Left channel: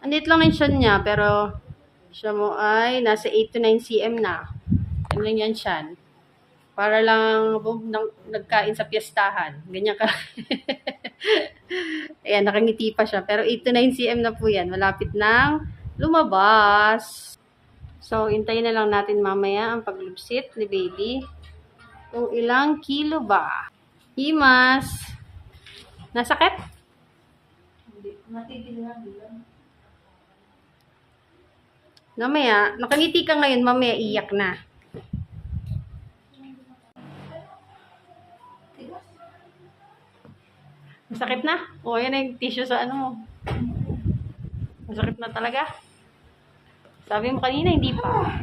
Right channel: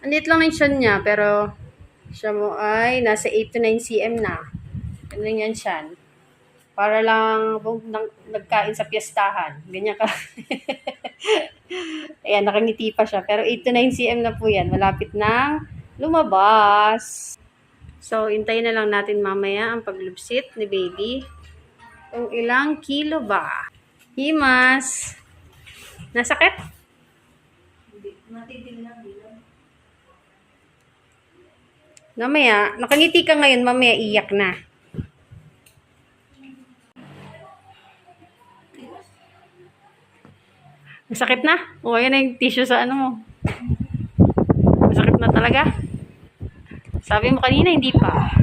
Andit lang yung siya niya, pero siya mo ay nasa 8 to 9 cm na. Ano lang yan siya. Para lang nagkain sa piyestahan. Ganyan ka. Ayan, nakangiti pa siya. Pero 8 to 9 cm na po yan. Malapit nang lumabas. So, hintayin na lang natin mamaya ang paglubsit ni baby. Kung ilang kilo ba? Himas! Nasakit? Hindi. Matigil lang bilang. Mamaya, nakangiti ka ngayon, mamaya iyak na. Masakit na? O, ayan na yung tissue sa ano mo. Masakit na talaga? Sabi mo kanina, hindi pa.